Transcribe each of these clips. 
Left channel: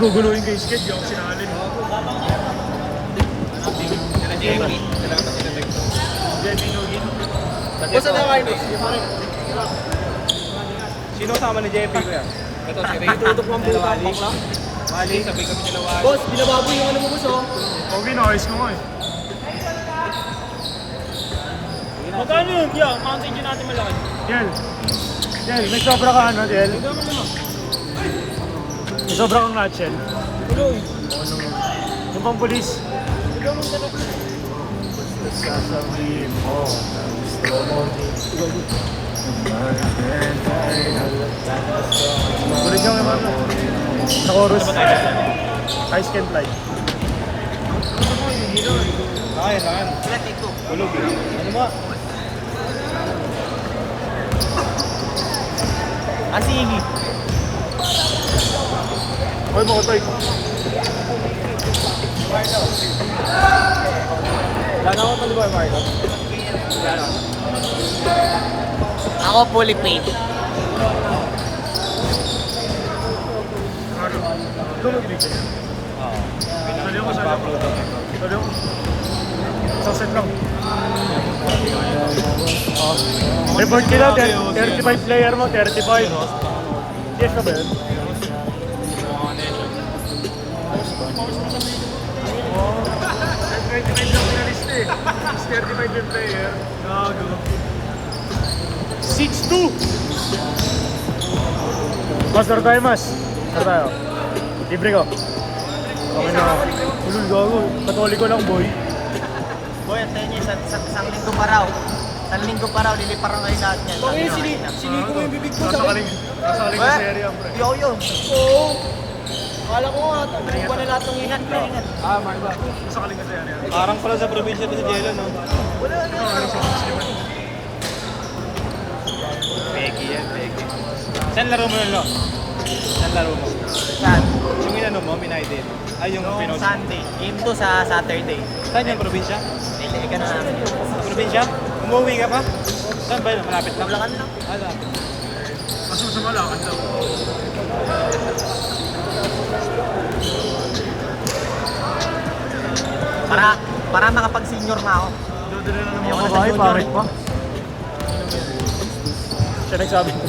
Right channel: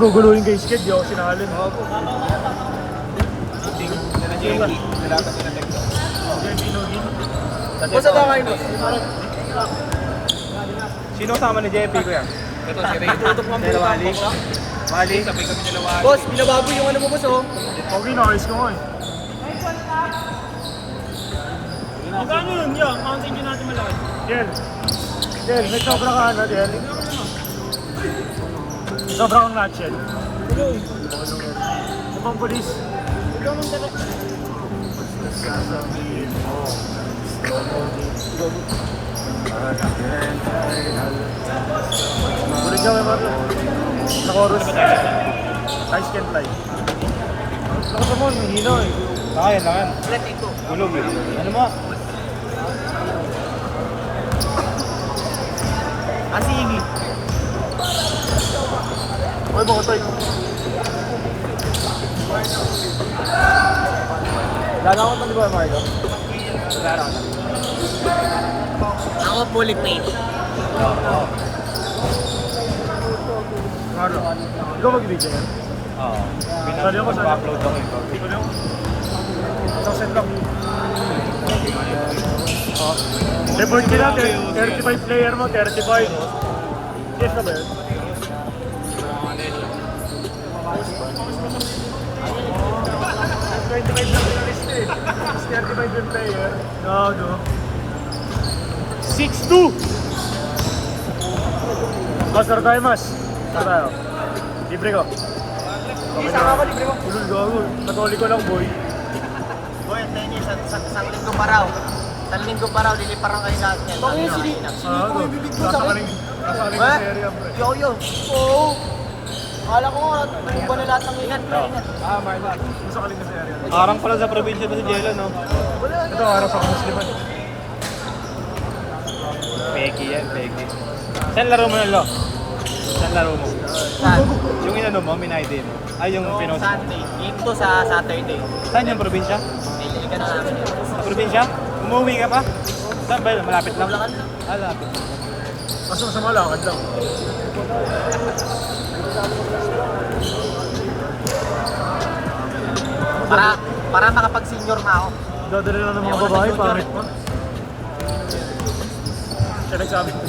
maguguluhin kay Sked, di ako sinalin. JP Nogin. Boss, ano kain, boss? Sino sama ni JP ko yan? Ito si Ray. Tutok mo ang buong tampak lang. Mali, sabay kami dalawa. Boss, binababoy yung ano mo, boss, oh. Okay, na-ayos ko nga eh. Magkano yun? Yan, counting nyo natin malakad. Yan. Yan, may sobra ka ano, Del? May sobra kang nutshell. Tuloy. Bukang pulis. Ikaw mong dala. Balik lang naman. Chorus. Ice can tie. Ako naman, hihina eh. Ayan. Tulog eh. Ano mo? Asigi. Ay, mga tayo. Gagawin mo di ba, Marco? Ako fully paid. Ano? Ikaw mag-ibig ka. Sali ako. Sa set ko. Report nila, 35 player mo, 35. Yes na ba yun? 25 lang pinalist eh. 35 yung player. Gago. 6-2! Master tayo, mas. Ano tayo? Libre ko. Ulul, gago. Natuli ko lang, boy. Boy, sa inyo, sa linggo pa raw. Sa linggo pa raw, niliparaw kayo sa atin. Bakit yung siniko yung bibig ko sa akin? Kasaling sa serya, pre. Ako yun. Oo. Akala ko nga, iba na lahat ng ingat ko. Marla. Kasaling sa serya. Parang pala sa probinsya to si Jello, no? Ito, harap sa Musliman. Peki yan, peki. Saan laro mo na, Lo? Saan laro mo? Yung inano mo, United. Ay, yung pinost. Sunday. Dito sa Saturday. Saan yung probinsya? Hindi ka na sa Probinsya? Umuwi ka pa? Saan ba? Malapit lang. Malapit. Kaso sa malakad lang. Para makapag-senior na ako. Dadali lang ng mga babae, pangit pa. Siya nagsabi ko.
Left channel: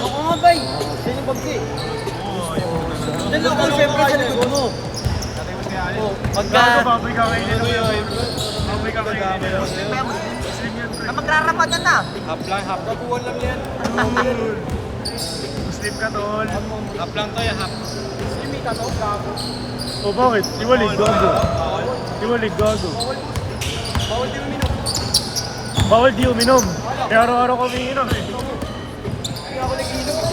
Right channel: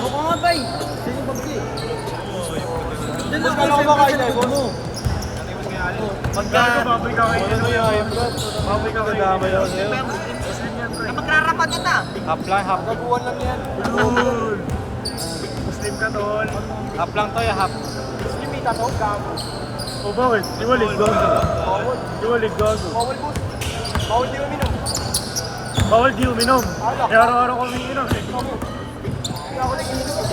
Ako nga, bay. Yan yung pagsi. Yan ako, siyempre sa likod mo. Gago, baboy ka kayo nila kuya. Baboy ka kayo nila. Muslim yan, pre. Magrarapatan na. Hap lang, hap. Baguhan lang yan. Ulul. Muslim ka, tol. Hap lang to, ya, hap. O bakit? Di mo ligago. Di mo ligago. Bawal di uminom. Eh araw-araw kami inom eh. Hindi ako nag-inom.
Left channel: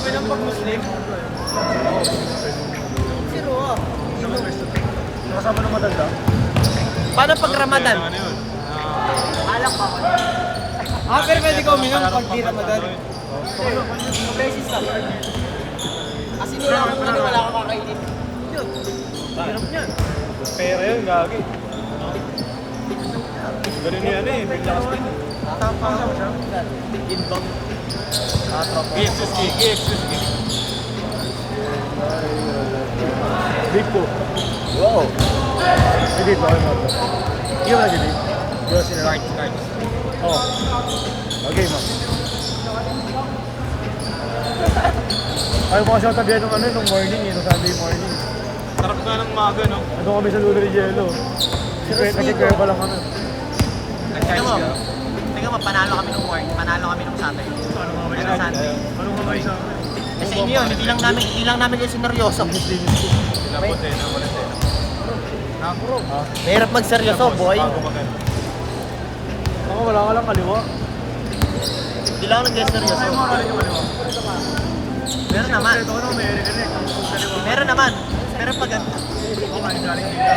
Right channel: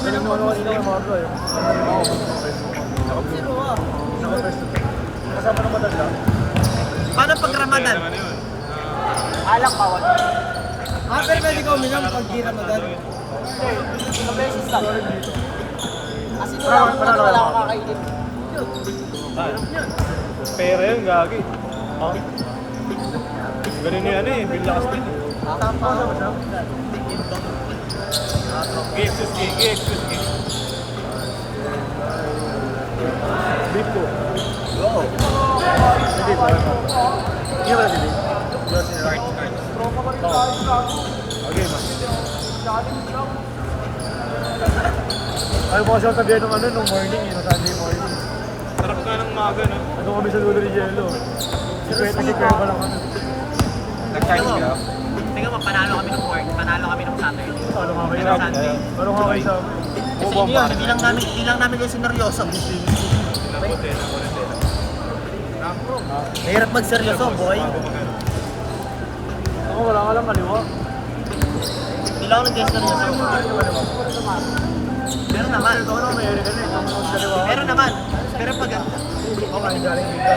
Galing mo naman inom mga bro eh. Nakapesto to. Kasama na madagdag. Paano pag Ramadan? Ano yun? Alam pa ako. Pero pwede ka uminom pag di Ramadan. Beses lang. Kasi wala akong kakainin. Pera yun, gagi. Ganun yun eh, pinlakas din. Oo, sama siya. Inbound. Big two. Wow. Hindi pa. Yung ba din? Start. Okay. Ayaw ko kasi ang tabihan ng ano, nung morning eh, nung Sunday morning. Sarap ka ng umaga, no? Ano kami sa dulo ni Jello. Kasi kaya ko lang ako. Nag-charge ka. Tingnan mo, panalo kami ng party. Panalo kami ng Saturday. Ano nga kayo sa akin? Ano nga kayo sa akin? Kasi yun, hindi lang namin kayo sineryoso. Mahirap magseryoso, boy. Wala ka lang kaliwa. Hindi lang namin kayo seryoso. Ay, mga kaliwa. Meron naman. Ito ka na, may area ka na eh. Kamusta sa kaliwa ka? Meron naman. Pero pag Oo, kayo galing dito.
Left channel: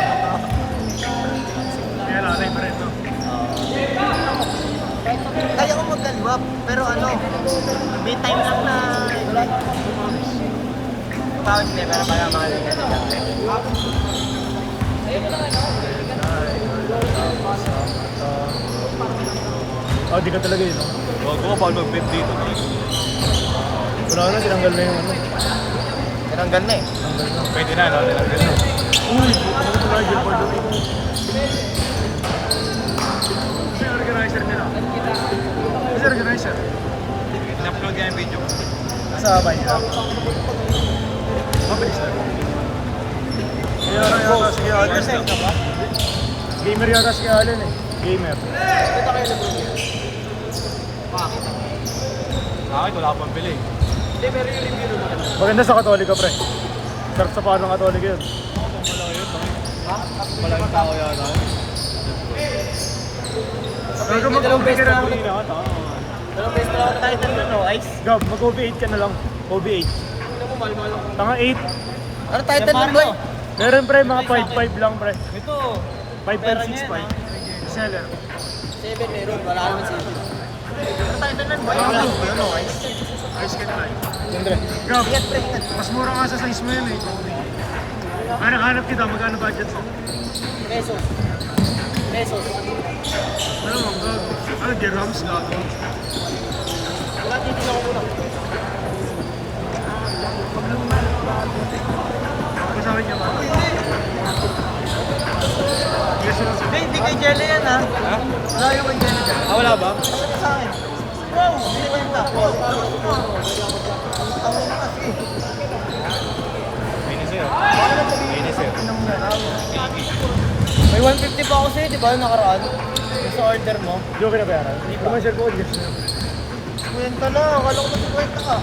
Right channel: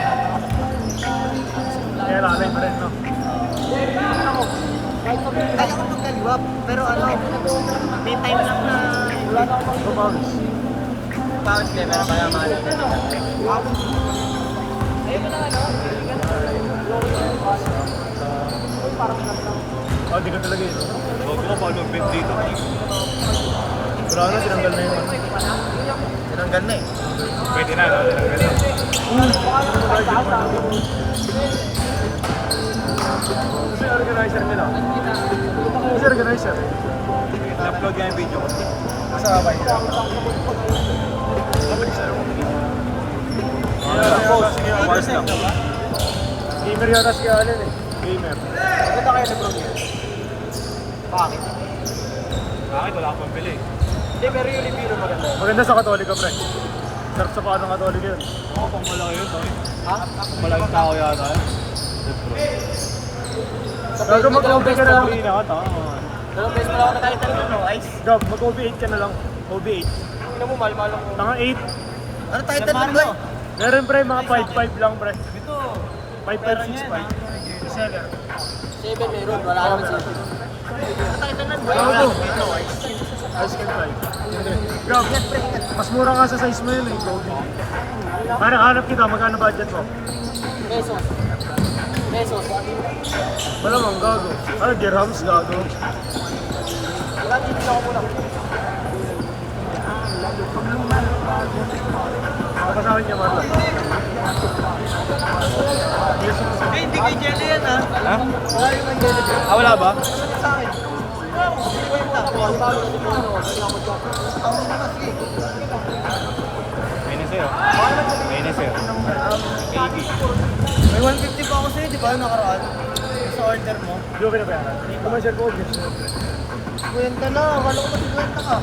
Kaya lalay pa rin, no? kaya ko magdalwa, pero may time lang na Wala na akong magpapawis. bakit hindi meron pa naman. Oh, di ka talaga yun. Oo, ball mag-bet dito. Wala na, tinanggal na yun. Tinanggal na eh. Pwede na. Kasi organizer nila. Kasi organizer. Na-upload niya yung video ko. Kasama ba yun? Mabilis lang. Hours lang. Gamer yun na si Alan eh. Gamer. Bakit wala akong pambili? Maganda sa Katolika, pre. Sarap sa paano Katolika yun. Wala yung tao yata. Gago mag-OB ka na lang. Dalawang beses na lang ako nakita nito, Ice. Gab, mag-OB 8 ka na lang. OB 8. Tanga 8. Ano title nun, boy? Meron pre, mga 5 lang pre. Ito. 5 and 6 pa. Seller. 7 meron, wala naman 7. Ano to? Ice cream tayo. Gab, mas mura nga sa size mo yun eh. Gold. Parang hanap kita, magkano budget mo? Pesos. Pesos. Wala mang gago. Ay, dirhams gago. Wala, titignan ko muna. Napasawin niya Marlon. Yes, yes. Hindi kay Jelly yan, ha? Wala yung kay Jelly. Wala ba? Sa akin. Wow! Binigay mo na ko. Minisir. Minisir. May 150 pa ako sa'yo, di ba? Nakaraan. Sa order mo. Joke na ba? Commercial ko ulit. Kwenta na, malungkot kwenta ka.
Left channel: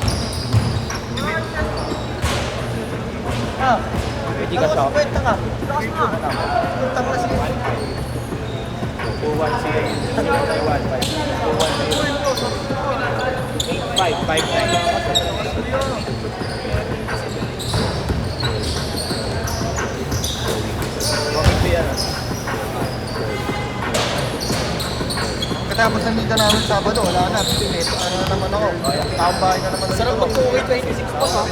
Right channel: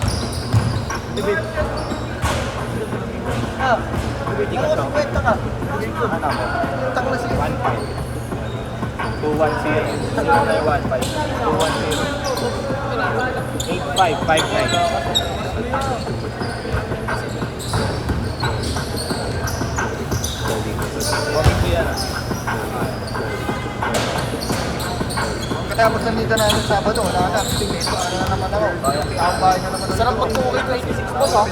Hindi ka shop. Kwenta ka. Kwenta mo na siya. 216. Katapos ng dito namin sa Sabado, wala na. Ano na naman ako. Tambay na naman. Sarap pag 2K26 po, ha?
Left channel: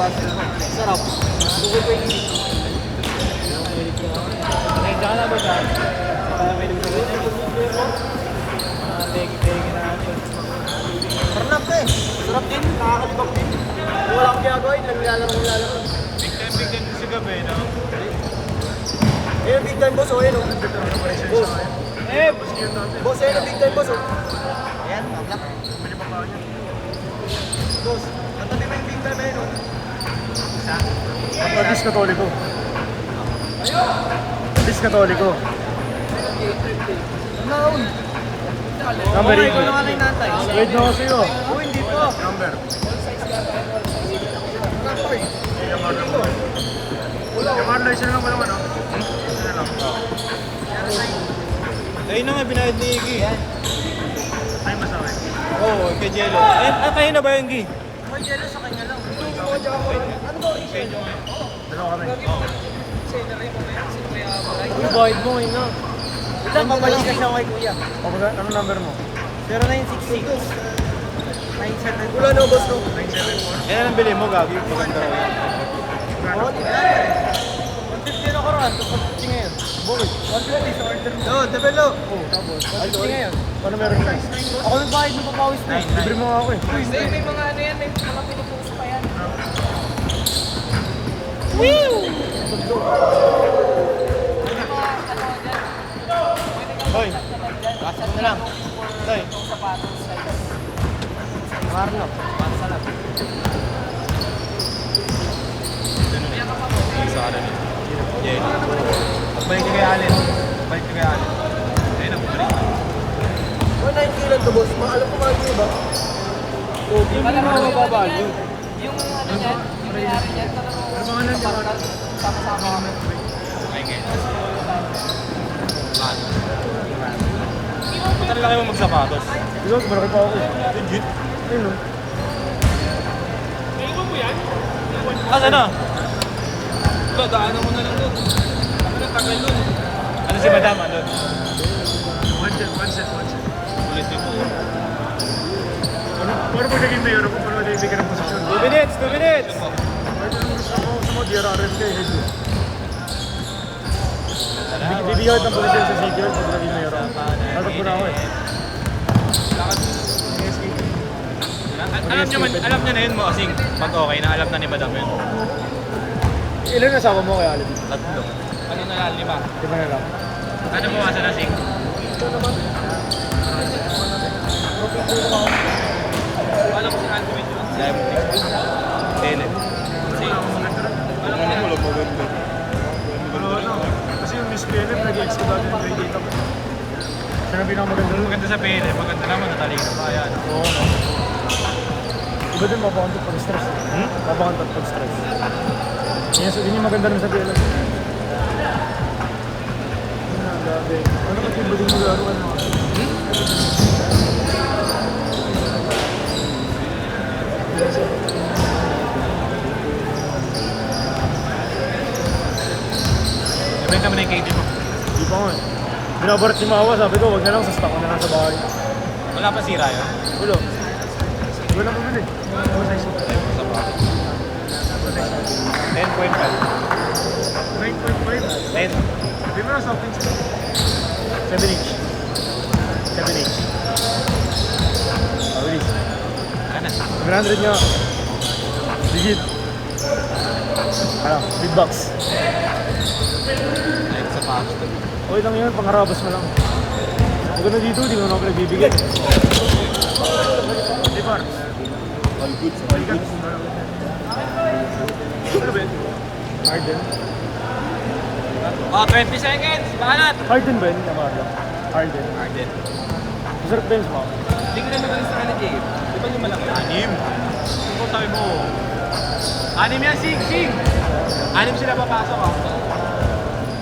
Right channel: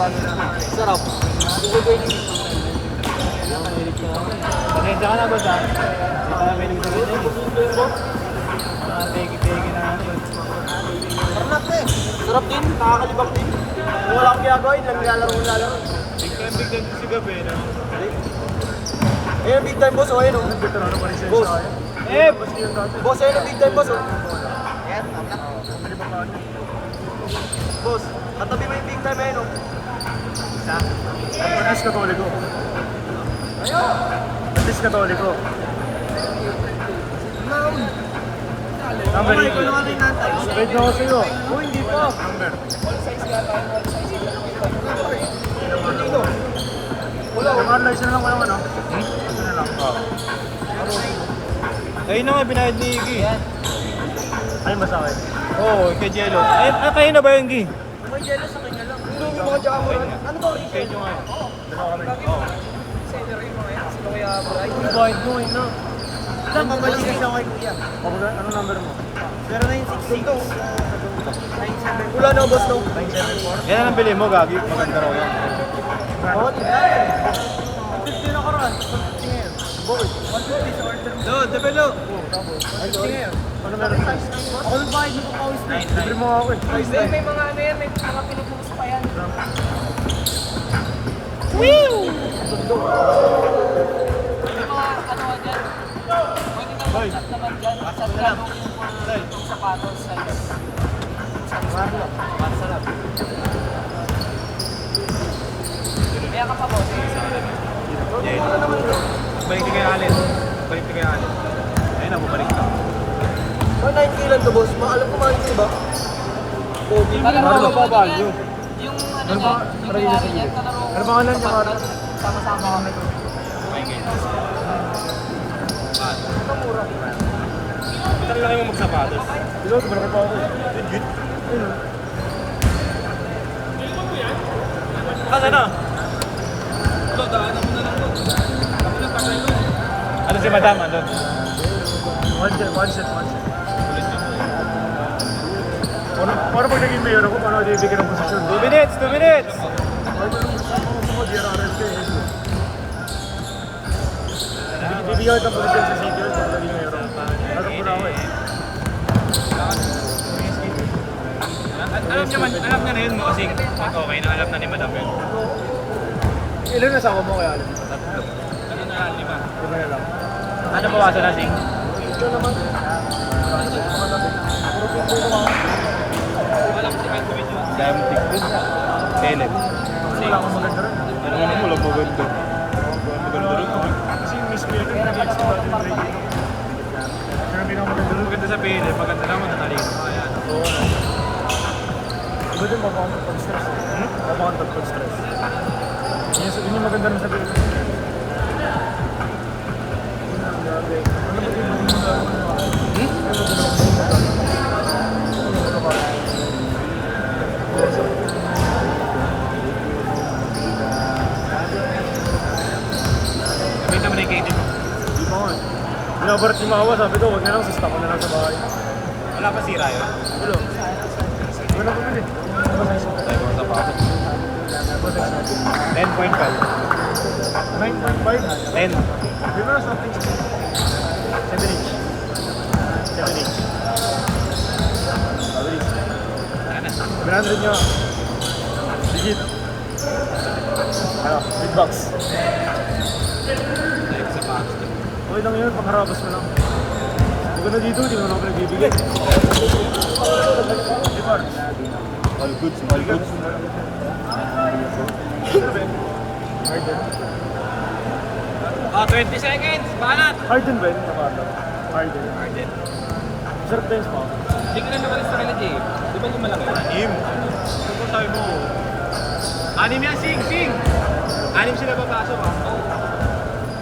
Sarap. 2K26. Sarap din, nakakalibak din. Wala akong ginagawa yun, naglalaro ko lalaro. Big time si Gabi, no? Ayun, big time boss, oh, ayun. oh. Veterano pa rin siya Boss. sa akin. Eh! Boss yun dati. Boss, ayun, ang big time boss, oh. Bili pa pa niya. Boss, katabi mo yung big time, ayun, oh. Atis Katoliko. Atis Katoliko. Number 8. Wait mo sa'yo. Number. Yamarla, isa na lang ko naman, ah. Isa na lang. Ayun na nga binayad ni Iggy. Ay, masakit. Oo, kay Jello. Eh, natayin na ba yung Iggy? May jello sa kanya lang. Mga tsaka mo. Ano ba? Kaya nyo nga. Oo. Ang guide mo, yun, no? Ilan ba lang siya kay Kuya? Ano number mo? 0962. Wala na, boss, no? 974. Yan ang bili mo, Gagi. Oo, di ba? 50 na koran, tapos 50 ngayon. 150 sa order mo. No, develop. Ay, sorry. Ano meron ka? Ako yung bayad mo papawis na. Libre mo ako eh. May mga ano yan, may mga pinag-uusap pa yan. Hoy. Watch mo lang. Hoy. Marlo, matsalap. May kay Allen. May kay Allen. Ayun na, bumalik na. 190 lang to, boss. Alam ko nga yun ba? Alam mo Ano? ba value? Ano ba? Ano ba lang niya, Marlon? Minum na tubig. Ano lang yung magsapatos? Look, meron pa ako. Ayun, oh. Ano? Ito, daanan mo na lang doon. Ano si Madam? Ano? One set. Ulit yun. Paano pag naging mayor ako, paano bibigyan ng posisyon? 2 minutes! 2 minutes! Kahit anong gusto ko, diyan ako yung schedule. Bibigyan ng posisyon sa city hall, pag naging mayor ako. Alam ko na ako eh. Alam niya niya na yun mo kasing pag okay na alam na ni Madam yun. Ilan na sama mo kaya? Ano na, 5. Ilan na? Ano bawasan na sing? Wala akong maganda rin. Kasi yung misplayer na nag-execute natin yung training. Sinabi naman yung Yung maganda sa PL, maganda naman natalino pa. Ayan. iba din ba bang business? Yes, yun yung maganda rin sa PL. Benta mo na yung KD mo. Inabarat yung mawa, sabi ko, huwag na lang, sasakan na lang sa bahay. Wala pa sira yan. Hello. Yun lang natin. Masay siya. 10.5. 9.5. 10. Sabi mo na something. 7 each. 7 each. 100 nyo. Digit. Big box. Okay lang yun, pangharapos mo lang. Hindi ko na dito, di mo na ako nagbibigay. Di ba? Balikan. Ano ba yun? Oh, 20 seconds! Balat! Harden ba yun? Harden. Sarap ba yun? Hindi ka na makalis na Jay. Di ba yung malaki? 6. Ito ko tayo mo. 6 yan, Sing! Sing! 6 sila papasok ah.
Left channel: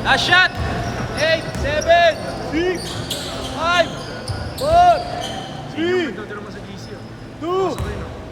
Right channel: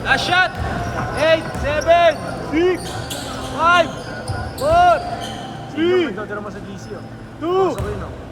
Last shot! 8, 7, 6, 5, 4, Sino mo, dodra mo sa GC oh. 2, Pasok yun oh.